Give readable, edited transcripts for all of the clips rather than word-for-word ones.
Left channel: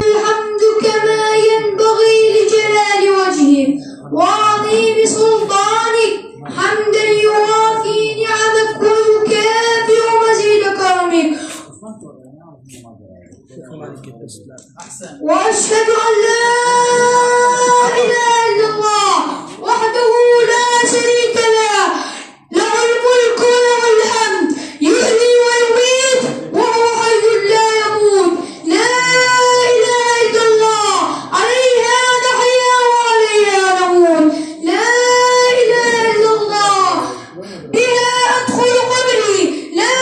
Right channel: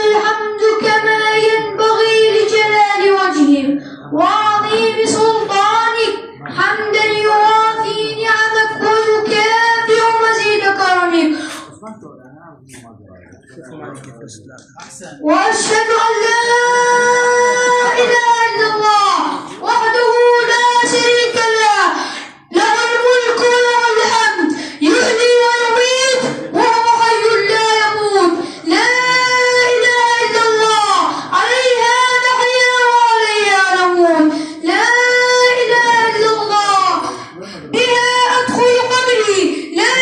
الحمد كما ينبغي لجلال وجهك وعظيم سلطانك، حمدا يوافي نعمك ويكافئ مزيد كرمك. وأشهد أن لا إله إلا الله وحده لا شريك له، له الملك وله الحمد، يحيي ويميت وهو حي لا يموت. لا إله إلا الله، عليها نحيا وعليها نموت. لا إله إلا الله، بها أدخل قبري. لا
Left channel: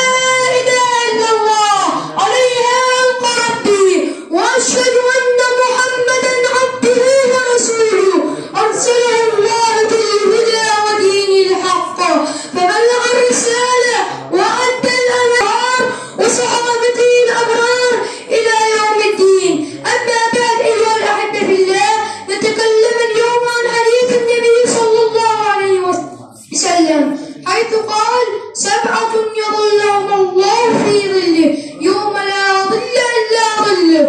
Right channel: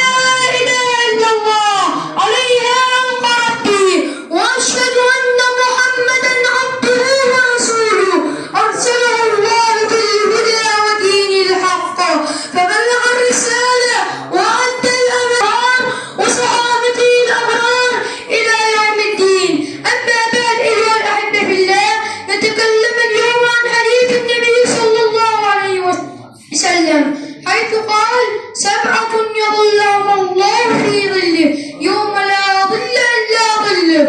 إله إلا الله، عليها ألقى ربي. وأشهد أن محمدا عبده ورسوله، أرسله الله بالهدى ودين الحق، فبلغ الرسالة وأدى الأمانة، وصحابته الأبرار إلى يوم الدين. أما بعد، أيها الأحبة في الله، نتكلم اليوم عن حديث النبي صلى الله عليه وسلم، حيث قال: 7 يظلهم الله في ظله يوم لا ظل إلا ظله،